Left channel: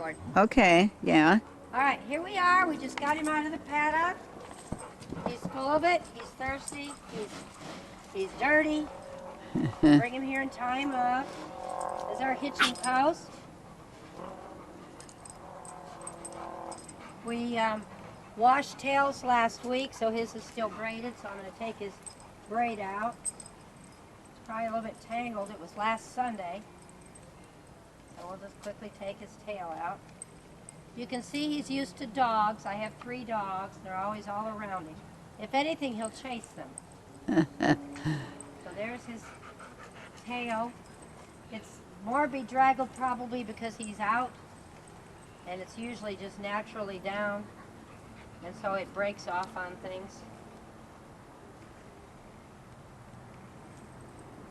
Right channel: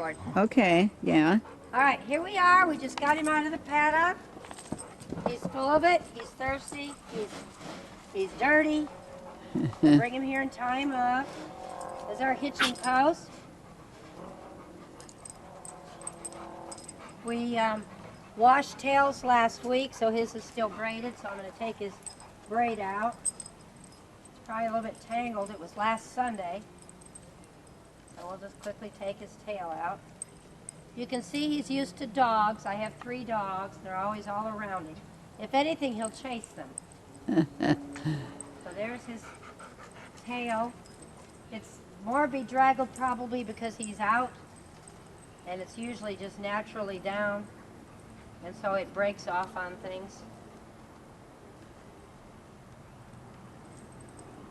record. Okay, yeah. All right, here we are. We just got him out of the paddock. He's full of it. He's thirsty. He's dirty. Bring him here and tie him up. This is our hitching post. We washed tails last week, so his is still braided, so I'm going to take his braid out. It's probably a little bit tangled. It was last Sunday. So we'll just quickly take his tail out. You can see he's used to dogs. I have 3 dogs. They're always all around him. If anything, he'll chase them. So there's his tail. It's more bedraggled probably because he's out, and it's usually just naturally down, and so it breaks off on things.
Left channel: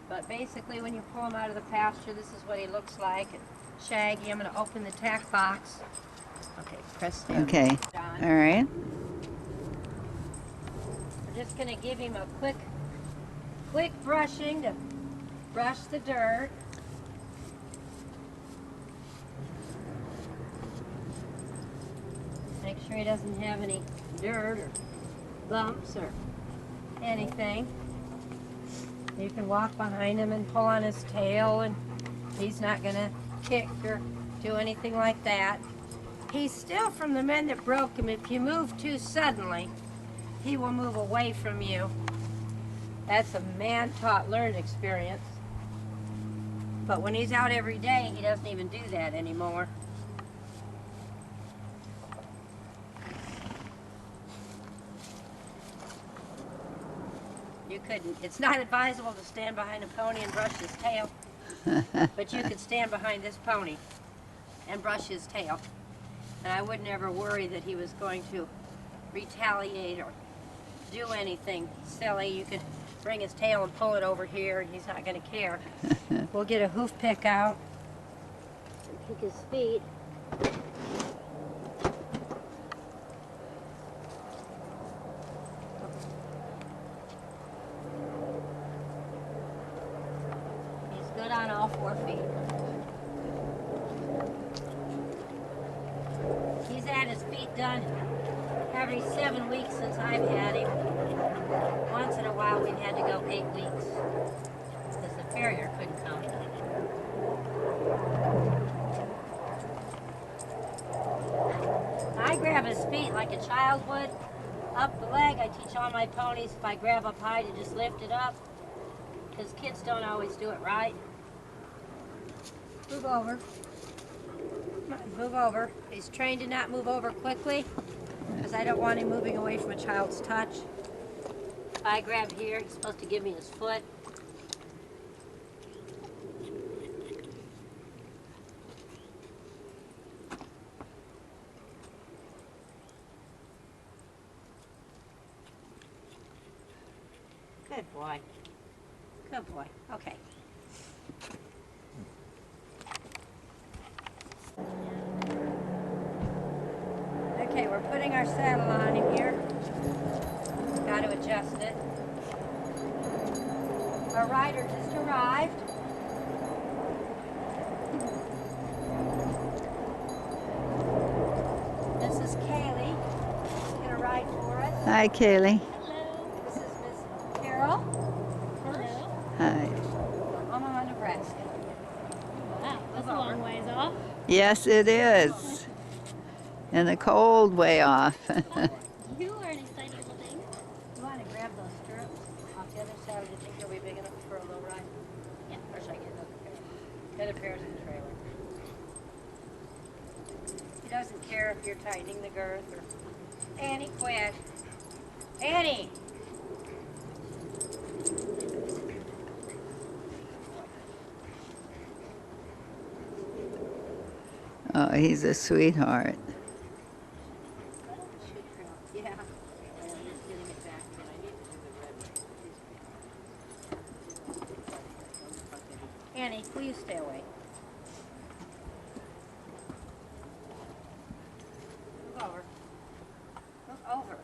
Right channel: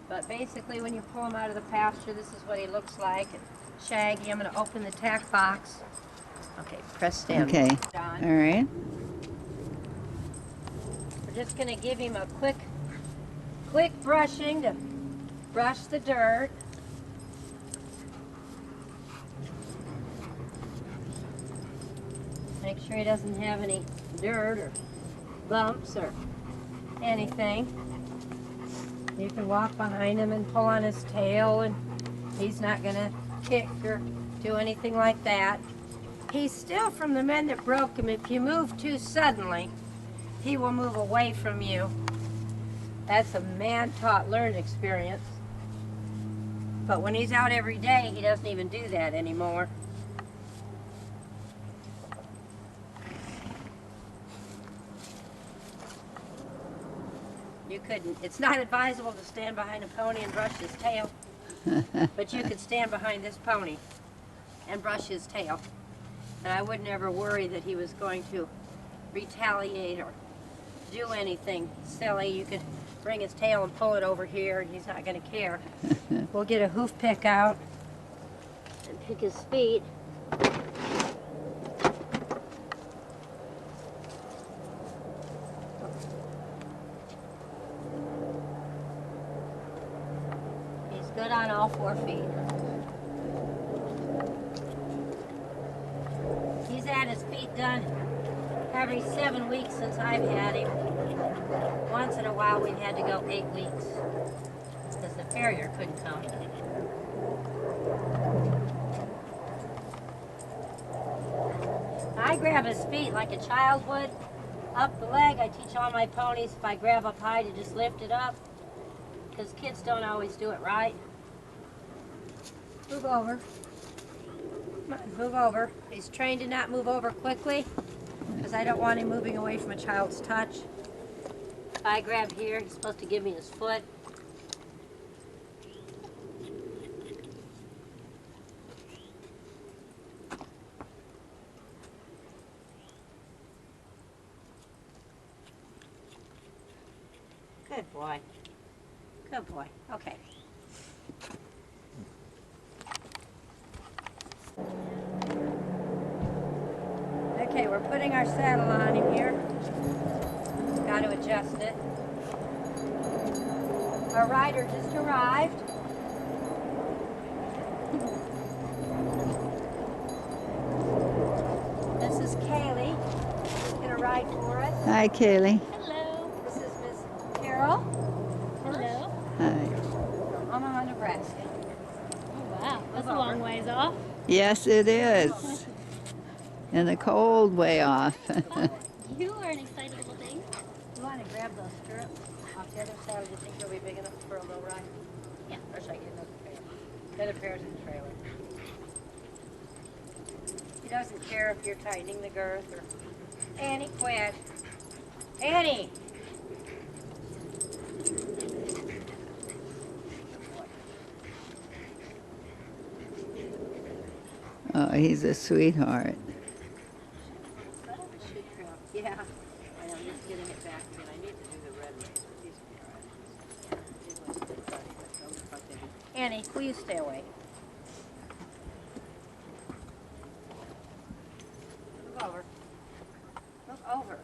But basically when you pull him out of the pasture, this is what he looks like. And Shaggy, I'm going to open the tack box. Okay, press down. Okay, John. all right. We're just going to give him a quick brushing to brush the dirt. Make sure he doesn't have any dirt or bumps or anything. You can walk behind him and pull on his tail, and he's not going to kick or do anything like that. He's still from the men that broke him. If you move too suddenly, he will move away from you. That's a man-taught, learned experience. But when he's out every day, he doesn't even do that anymore. You couldn't. It's not advisable to stand behind a pony and brush his tail, but you could stand behind this pony and brush his tail. And I would never worry that he was going to retaliate or do anything silly. You could bring his tail and pull it over here, and he's not going to care. We'll get a hoof pick out and pick his feet. He's good on all 4 feet. He's had his feet done every 7 weeks since I've had him. Once in a while we've had to go 8 weeks because the farrier couldn't come. I grab his feet like a child would, up the leg. I teach all my ponies if I grab up high to just lift it up, because kids don't always do it right. Move over. Come on, move over. He's trained to not move over quickly because I don't want him moving away from a child's touch. If I grab here, he's supposed to give me his foot. Good boy. Good boy. Okay. Okay, we're putting our saddle on him here. Got to adjust it. Our rider just arrived. This is Kaylee. She's going to ride for us. Hi, Kaylee. Hello. This is Miss Carol. Hello. Hi. Omaha, Nebraska. Wow, that's a long ways off. Yes, it is. And the cold way off. You are an exciting little thing. You want to grab those stirrups off the other side? Do you think they'll be big enough for a low ride? Yeah. Or should I get another pair? The other pair's in the trailer. He doesn't care if you're tightening the girth or... Annie, quit. Annie! Oh, he's a sweetheart. Yeah. I'm just getting it back again. I need to do the red one. Annie, will you stay away? Move over. Move over.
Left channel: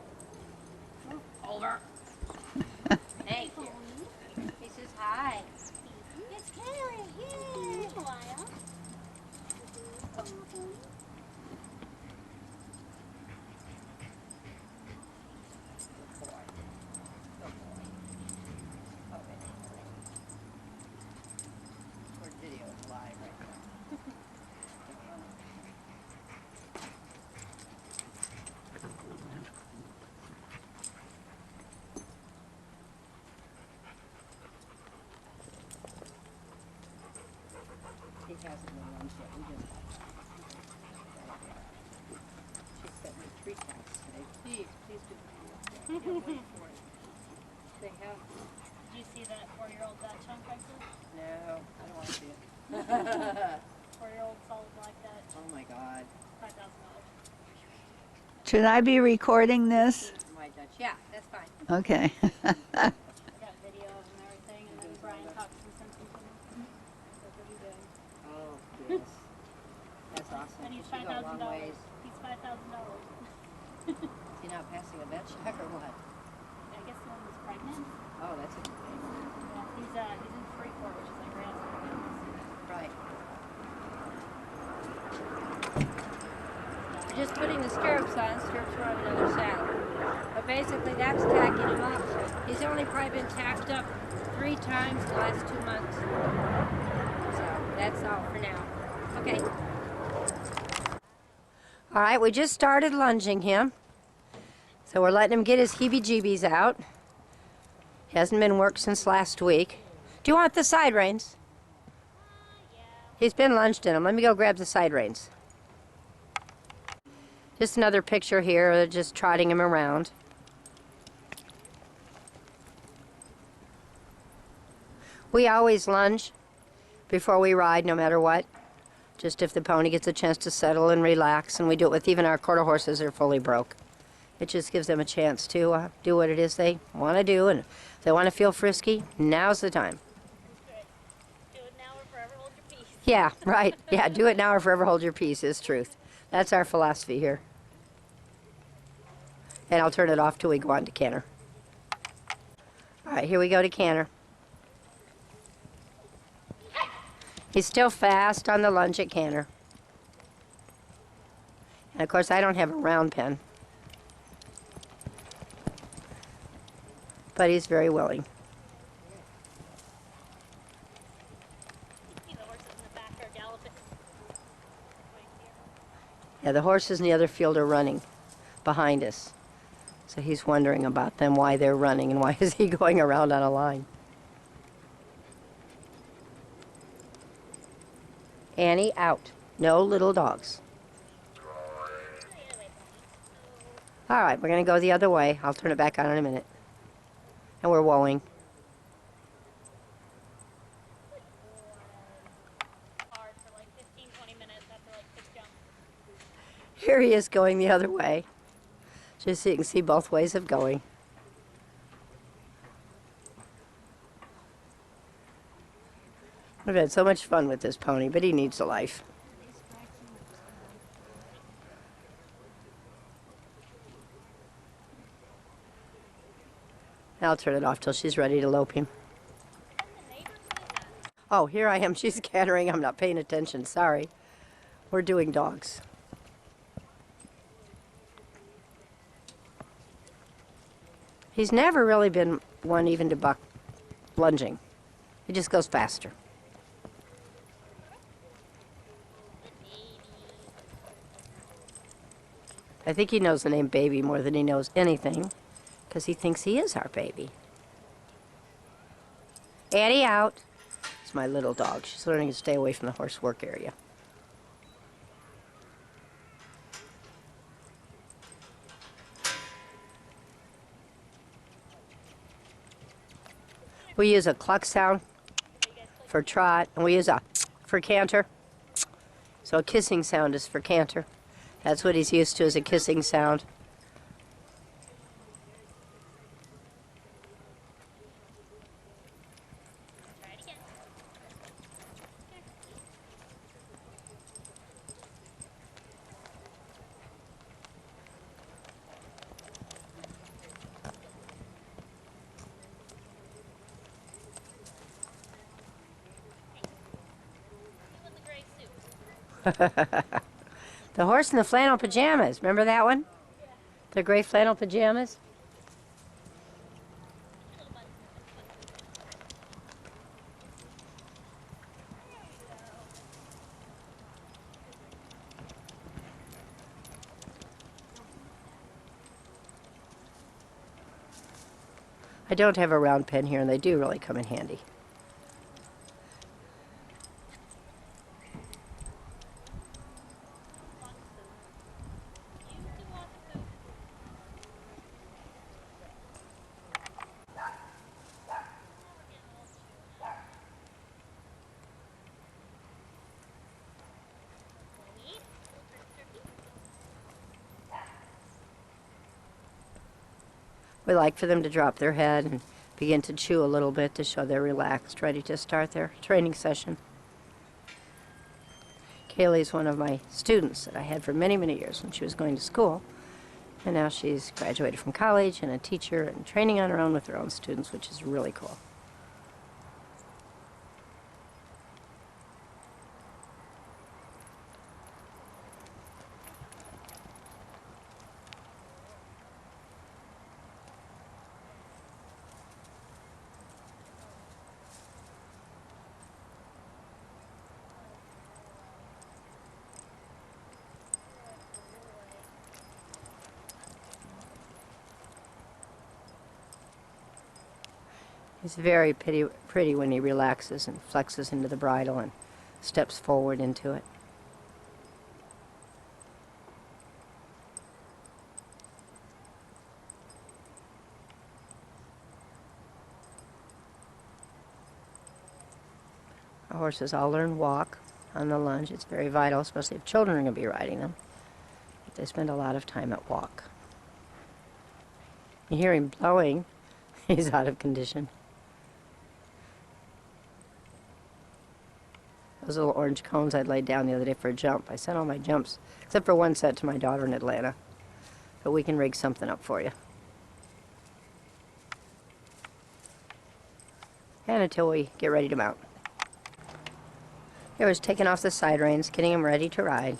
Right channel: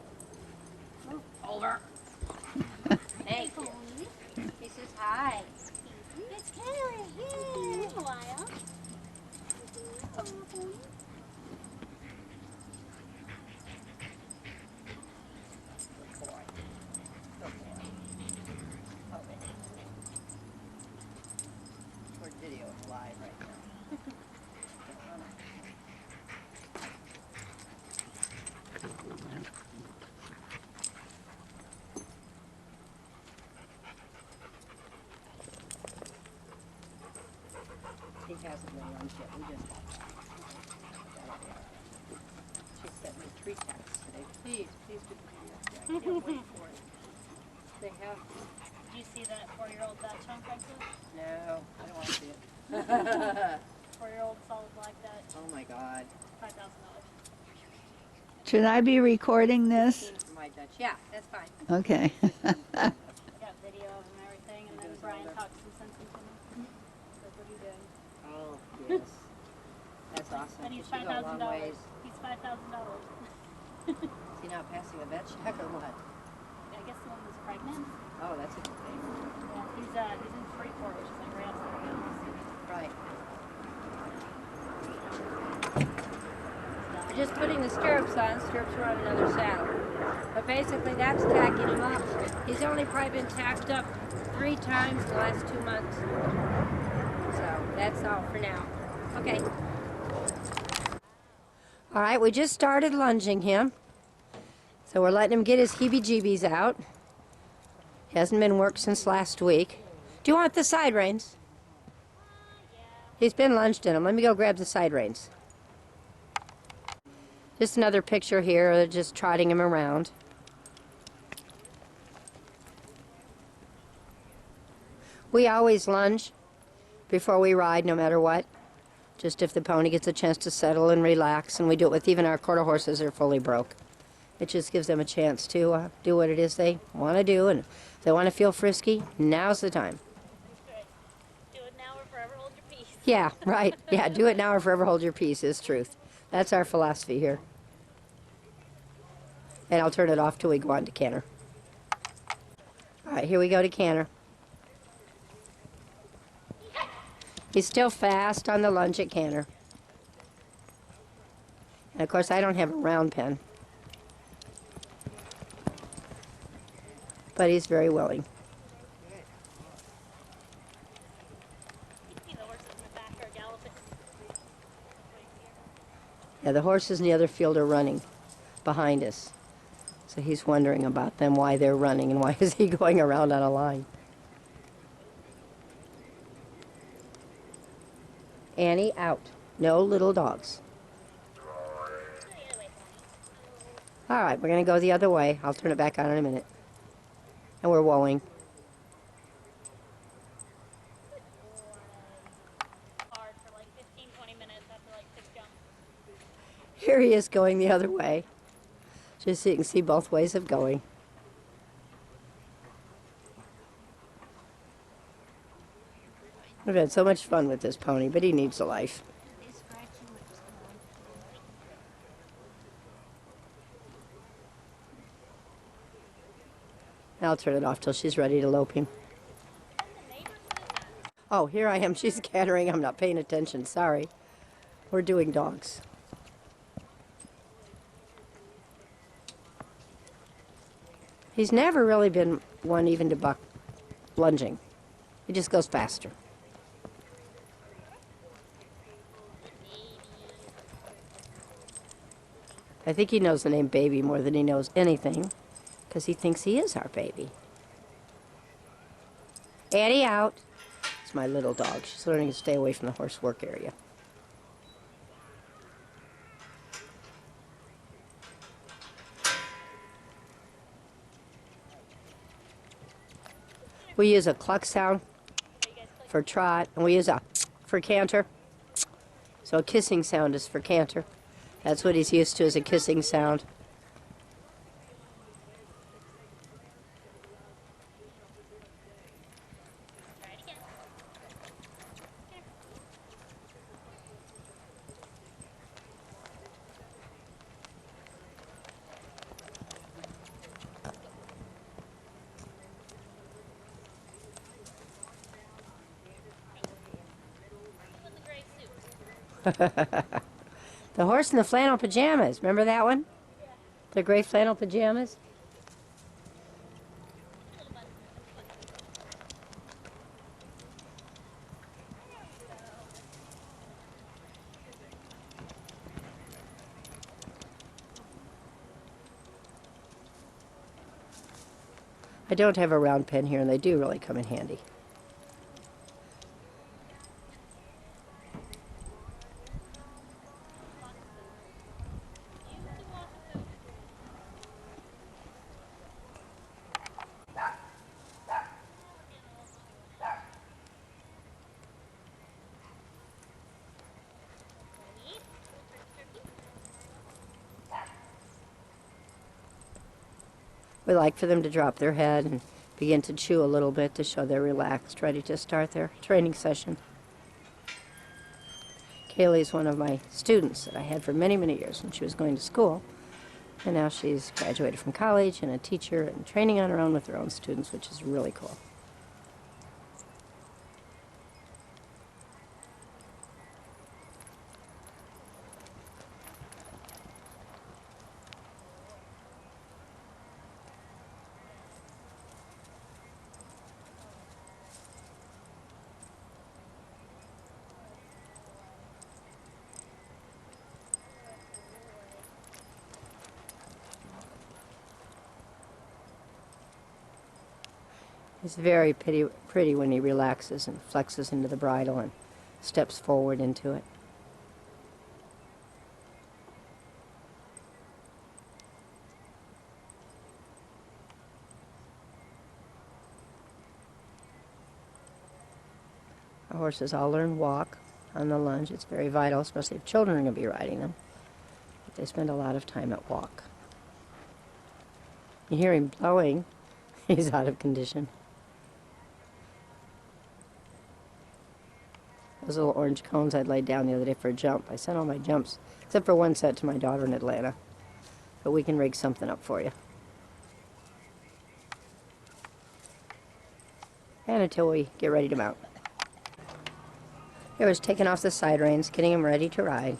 Move over. Thank you. He says hi. It's Kaylee. Yay. Been a while. hasn't made lunch yet. We just got that. That'll be all right. She sent me 3 texts today. Please do the video. Yeah, I can't wait for it. They have. Did you see that 4-year-old Dutch on Craigslist? No, I don't want to see it. 4-year-old solid black Dutch, Oh my God. $5,000. Should I be recording this? My Dutch. Yeah, that's fine. Okay. I got video of him and everything, and then Brian talks some sense into him. Said, what are you doing? Oh, yes. That's awesome. And he's She go a long $5,000. ways. He's $5,000. Is he not passing a vet check or what? I guess the one was pregnant. Oh, that's a good thing. Yeah, he's in Freeport, which is like right outside of Kansas. Right. We're just putting the stirrups on. Stirrups are on another saddle. But basically, that's tacking him up. He's only probably been tacked up 3 times the last 2 months. So that's all for now. Okay. All right, we just started lunging him. So we're letting him get his heebie-jeebies out. He hasn't been worked since last week. Do you want the side reins? Yeah. He's been lunged in them. Let me go grab the side reins. Just another picture here. They're just trotting him around. We always lunge before we ride, no matter what. Just if the pony gets a chance to settle and relax, and we do it with even our quarter horses that are fully broke. It just gives them a chance to do what it is they want to do, and if they want to feel frisky, now's the time. That's right. Do it now or forever hold your peace. Yeah, right. Yeah, do it now or forever hold your peace is truth. That's our philosophy here. And I'll turn it off till we go on to canter. All right, here we go to canter. He's still fast on the lunge at canter. And of course, I don't have a round pen. But he's very willing. You see the horses in the back are galloping. Yeah, the horses in the other field are running behind us. So he's wondering about them, why they're running, and why is he going around on a line. Annie, out. No little dogs. All right, we're going to go the other way. I'll turn it back on in a minute. And we're wowing. Hard for like 15, 20 minutes after like 6 jumps. Here he is going the other way. Just so you can see both ways of going. I've had so much fun with this pony, but he needs a life. I'll turn it off till she's ready to lope him. Oh, here I am. She's scattering. I'm not paying attention. Sorry. We're doing dogs. He's never really been one even to buck lunging. He just goes faster. I think he knows the name baby more than he knows anything, because he thinks he is our baby. Addie, out. It's my little dog. She's learning to stay away from the horse work area. We use a cluck sound for trot, and we use a for canter. So a kissing sound is for canter. That's what he's used to, is a kissing sound. Try it again. In the gray suit. The horse in the flannel pajamas. Remember that one? Yeah. The gray flannel pajamas? Little button. I don't have a round pen here, and they do really come in handy. We like for them to drop their head and begin to chew a little bit to show they're relaxed, ready to start their training session. Kaylee's one of my students that I had for many, many years when she was going to school. And now she's graduated from college and a teacher and training on her own with her own students, which is really cool. He's very pretty when he relaxes and flexes into the bridle and steps forward into it. Our horses all learn walk on the lunge. It's very vital, especially if children are going to be riding them. But they spend a lot of time at walk. You hear him blowing. He's out of condition. Those little orange cones I'd laid down the other day for a jump. I sent all my jumps, except for one set, to my daughter in Atlanta. But we can rig something up for you. And until we get ready to mount. Here was taking off the side reins, getting him ready to ride.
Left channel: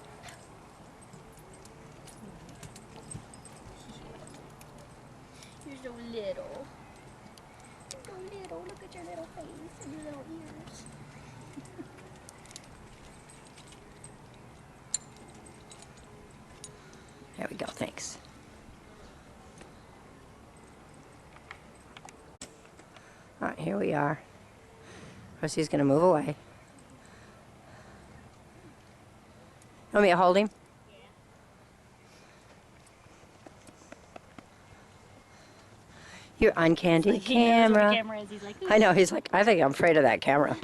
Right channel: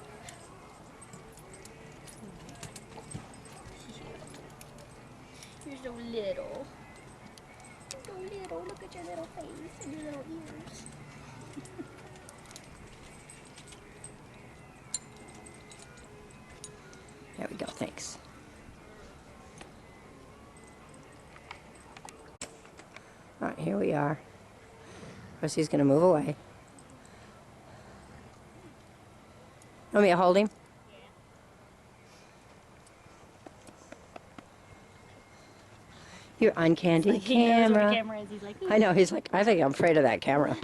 You're so little. You're so little. Look at your little face and your little ears. There we go, thanks. All right, here we are. Of course, he's going to move away. Want me to hold him? Yeah. You're on Candy Like he knows where camera. the camera is. He's like, I know, he's like, I think I'm afraid of that camera.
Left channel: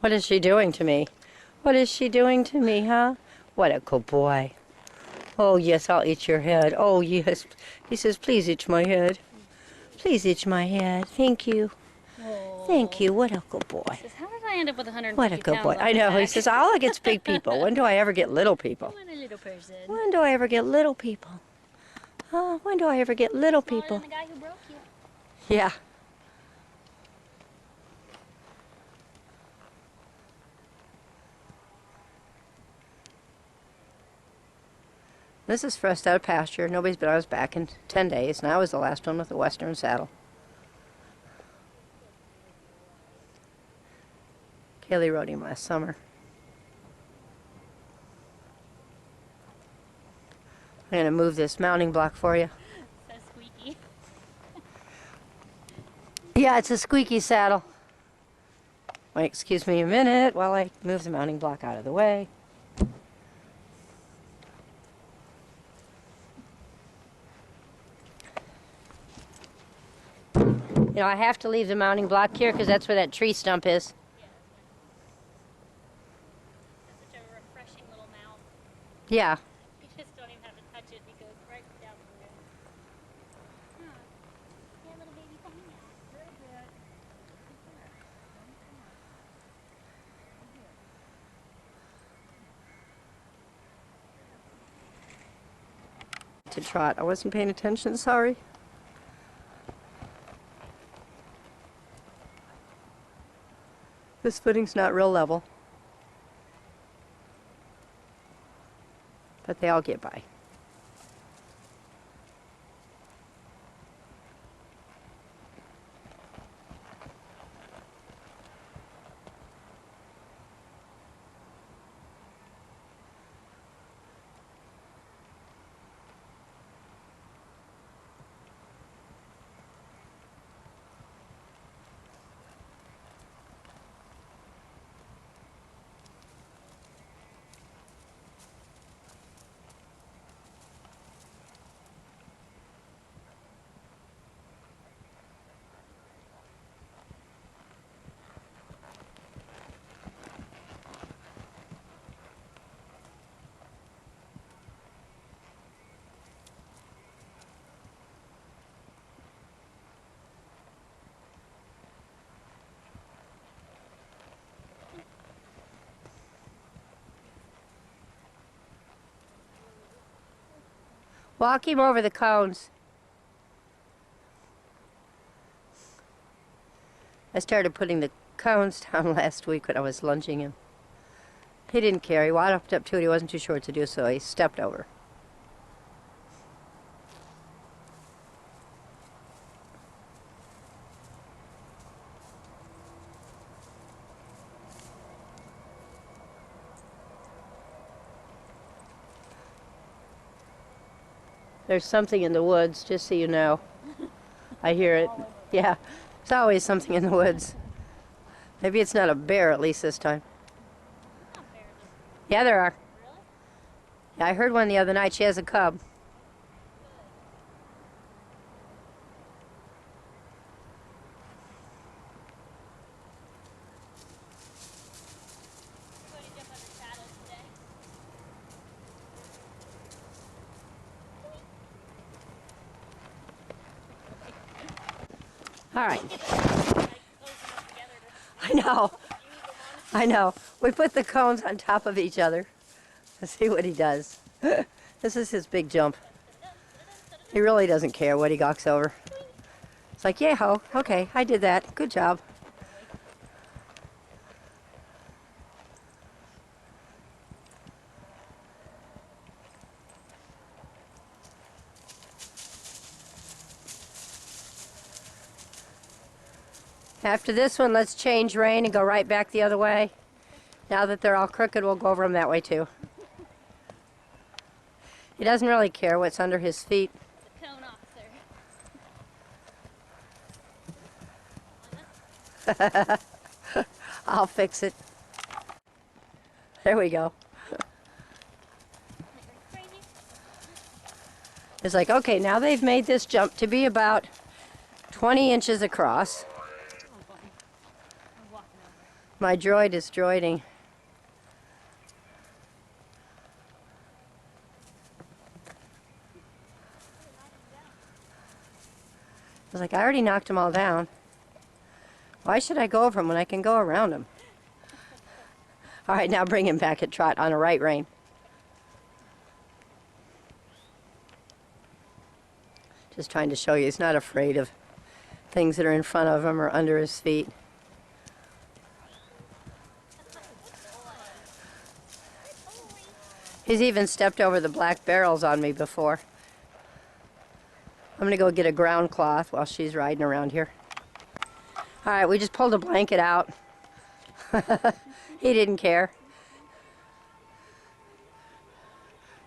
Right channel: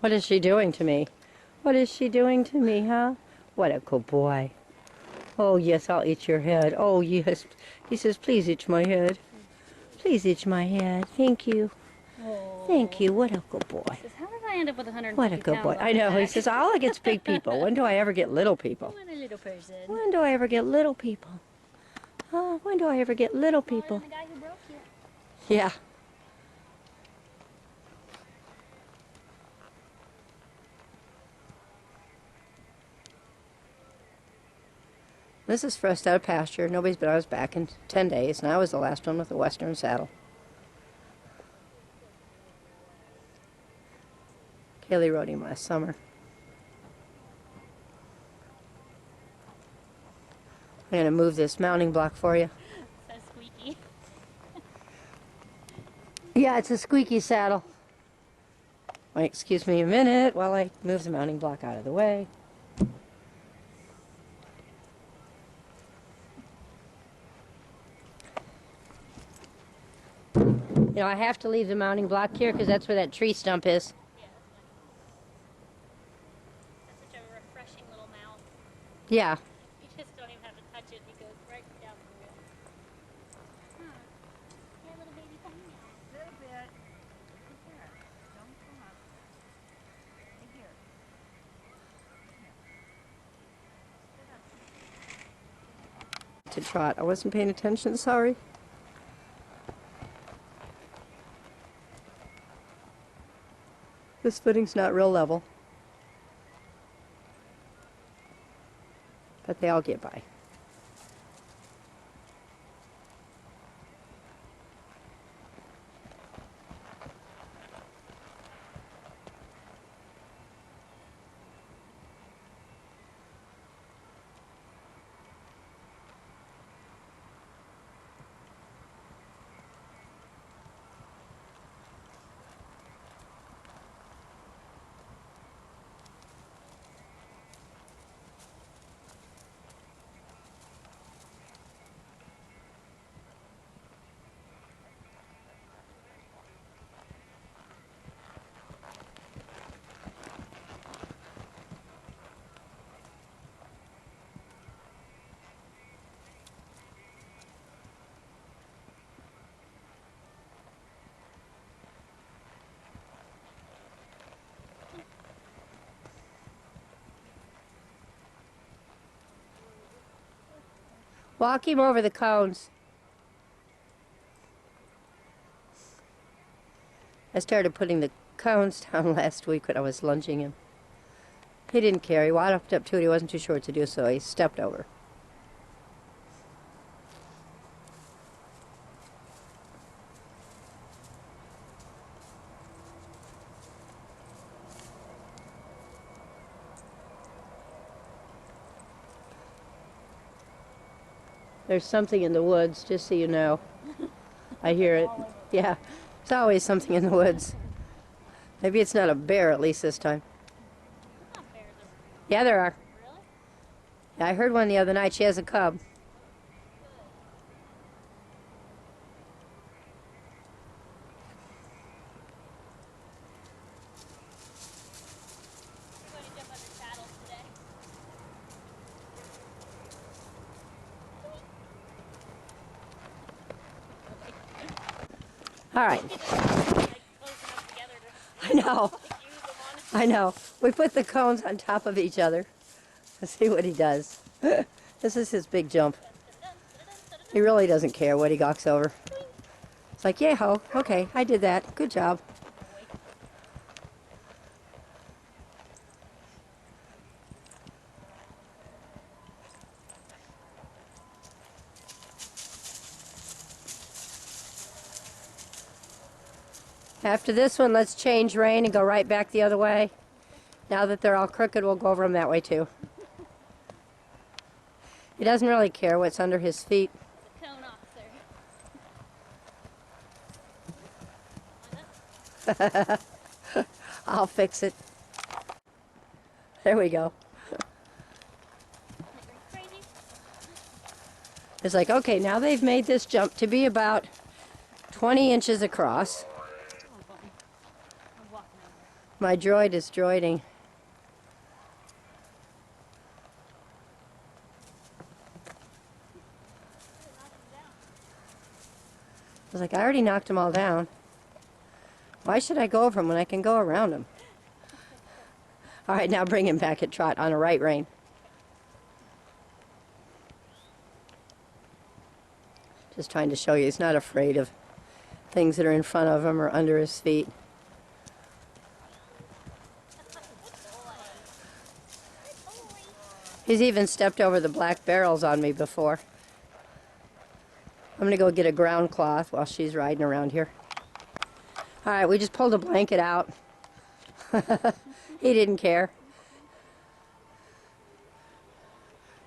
What is she doing to me? What is she doing to me, huh? What a good boy. Oh, yes, I'll eat your head. Oh, yes. He says, please eat my head. Please eat my head. Thank you. oh. Thank you. What a good boy. He says, how did I end up with 150 What a good pounds boy. on I my know. He back? says, all I get's big people. When do I ever get little people? I want a little person. When do I ever get little people? Oh, when do I ever get little Smaller people? than the guy who broke you. Yeah. This is first out of pasture. Nobody's been on his back in 10 days, and I was the last one with a Western saddle. Kaylee rode him last summer. I'm going to move this mounting block for you. So squeaky. Yeah, it's a squeaky saddle. Wait, excuse me a minute while I move the mounting block out of the way. You know, I have to leave the mounting block here because that's where that tree stump is. Yeah, that's such a refreshing little mouth. Yeah. You just don't even have to touch it. He goes right down through it. Huh. Yeah, little baby pony now. Little bit. Here. Don't come up. Right here. To trot. I wasn't paying attention, sorry. This footing's not real level. But they all get by. Walk him over the cones. I started putting the cones down last week when I was lunging him. He didn't care. He walked up to it. He wasn't too short to do so. He stepped over. There's something in the woods, just so you know. I hear it. Yeah, there's always something in the woods. Maybe it's not a bear, at least this time. Not bears. Yeah, there are. Really? Yeah, I heard one the other night. She has a cub. We're going to jump under saddles today. All right. Get the like close enough together to I know. use them on. I know. We put the cones on top of each other. Let's see what he does. This is his big jump. He really doesn't care what he gawks over. It's like, yeah, ho, okay, I did that. Good job. After this one, let's change rein and go right back the other way. Now that they're all crooked, we'll go over them that way too. He doesn't really care what's under his feet. The cone officer. I'll fix it. There we go. Crazy. It's like, okay, now they've made this jump to be about 20 inches across. I'm walking over. My droid is droiding. I was like, I already knocked them all down. Why should I go over them when I can go around them? All right, now bring him back at trot on a right rein. Just trying to show you he's not afraid of things that are in front of him or under his feet. He's even stepped over the black barrels on me before. I'm gonna go get a ground cloth while she's riding around here. All right, we just pulled a blanket out. He didn't care.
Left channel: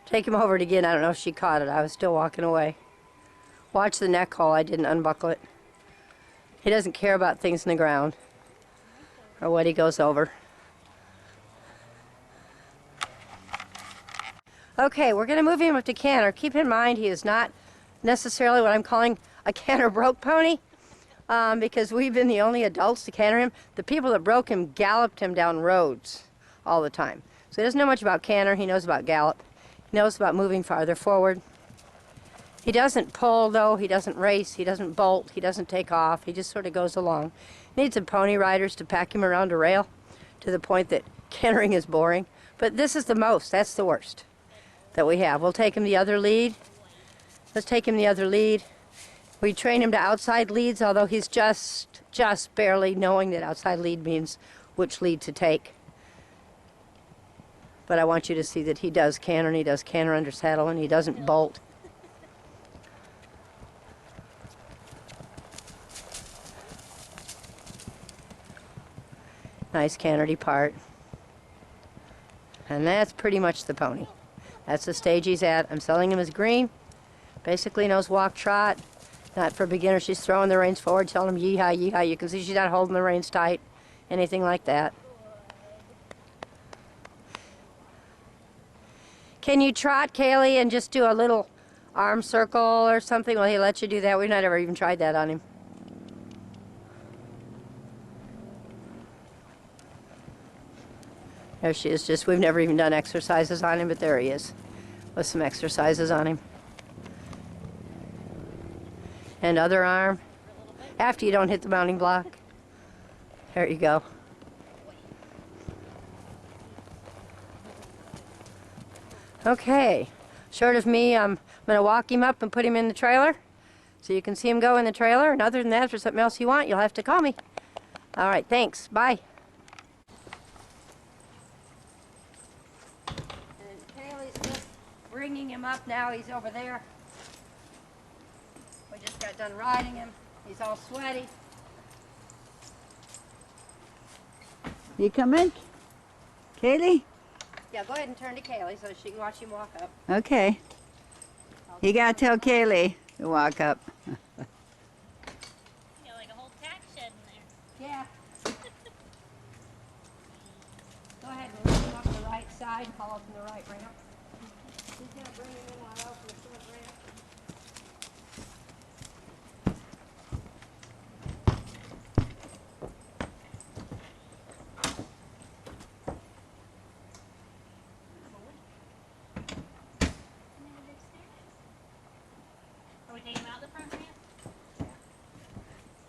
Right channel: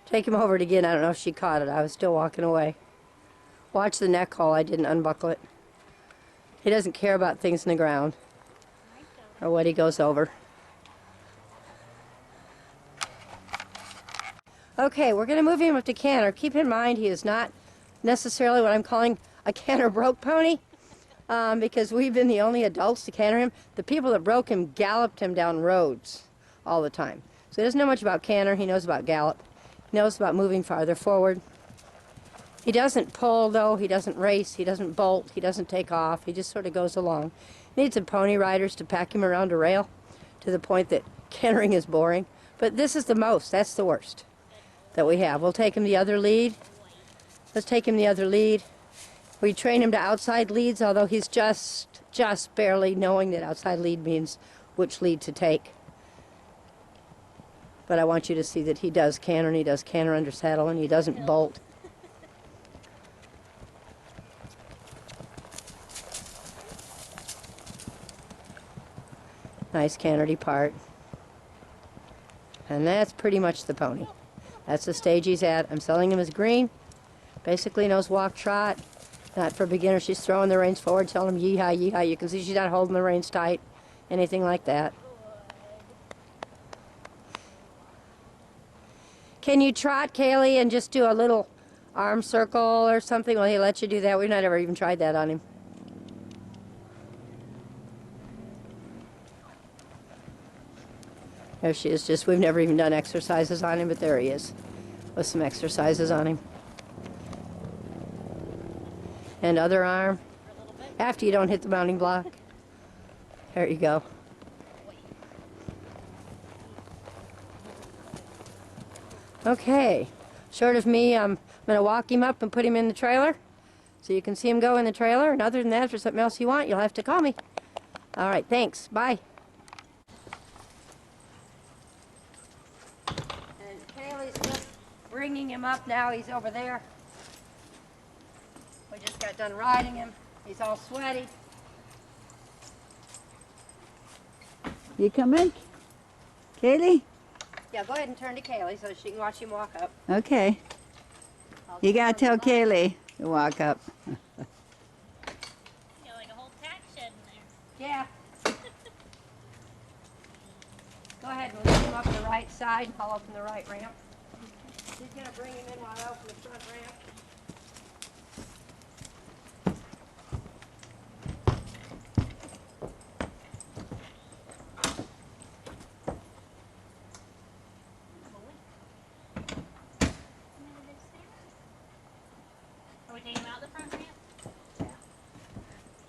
Take him over it again. I don't know if she caught it. I was still walking away. Watch the neck hole. I didn't unbuckle it. He doesn't care about things in the ground or what he goes over. Okay, we're gonna move him up to canter. Keep in mind he is not necessarily what I'm calling a canter broke pony, because we've been the only adults to canter him. The people that broke him galloped him down roads all the time. So he doesn't know much about canter. He knows about gallop. He knows about moving farther forward. He doesn't pull though. He doesn't race. He doesn't bolt. He doesn't take off. He just sort of goes along. Needs some pony riders to pack him around a rail to the point that cantering is boring. But this is the most. That's the worst that we have. We'll take him the other lead. Let's take him the other lead. We train him to outside leads, although he's just barely knowing that outside lead means which lead to take. But I want you to see that he does canter, and he does canter under saddle, and he doesn't bolt. Nice canteredy part. And that's pretty much the pony. That's the stage he's at. I'm selling him as green. Basically knows walk, trot. Not for beginners. She's throwing the reins forward, telling him yee-haw, yee-haw. You can see she's not holding the reins tight, anything like that. Can you trot, Kaylee, and just do a little arm circle or something? Will he let you do that? We've not ever even tried that on him. There she is. Just, we've never even done exercises on him, but there he is with some exercises on him. And other arm. After you don't hit the mounting block. There you go. Okay. Short of me, I'm going to walk him up and put him in the trailer so you can see him go in the trailer. And other than that, if there's something else you want, you'll have to call me. All right, thanks. Bye. And Kaylee's just bringing him up now. He's over there. We just got done riding him. He's all sweaty. You coming? Kaylee? Yeah, go ahead and turn to Kaylee so she can watch him walk up. Okay. You gotta tell Kaylee to walk up. You got like a whole tack shed in there. Yeah. Go ahead and lift him up the right side. I'll open the right ramp. She's going to bring him in while I open the front ramp. Are we taking him out the front ramp? Yeah.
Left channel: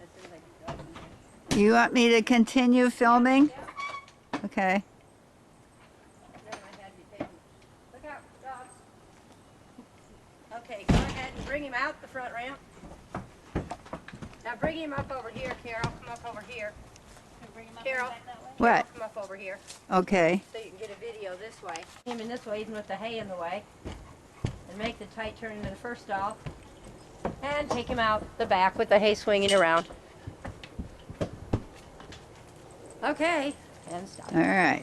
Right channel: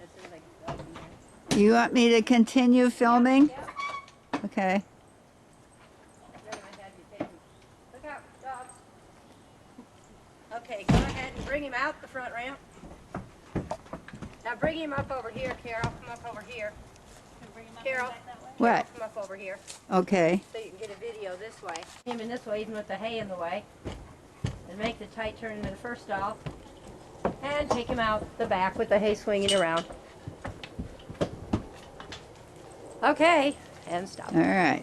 As soon as I can go in there. You want me to continue filming? Yeah. Okay. Then I had you take him. Look out, dogs. Okay, go ahead and bring him out the front ramp. Now bring him up over here, Carol. Come up over here. Can we bring him up Carol. and back that way? What? Come up over here Okay. so you can get a video this way. Him in this way, even with the hay in the way. And make the tight turn into the first stall. And take him out the back with the hay swinging around. Okay, and stop. All right.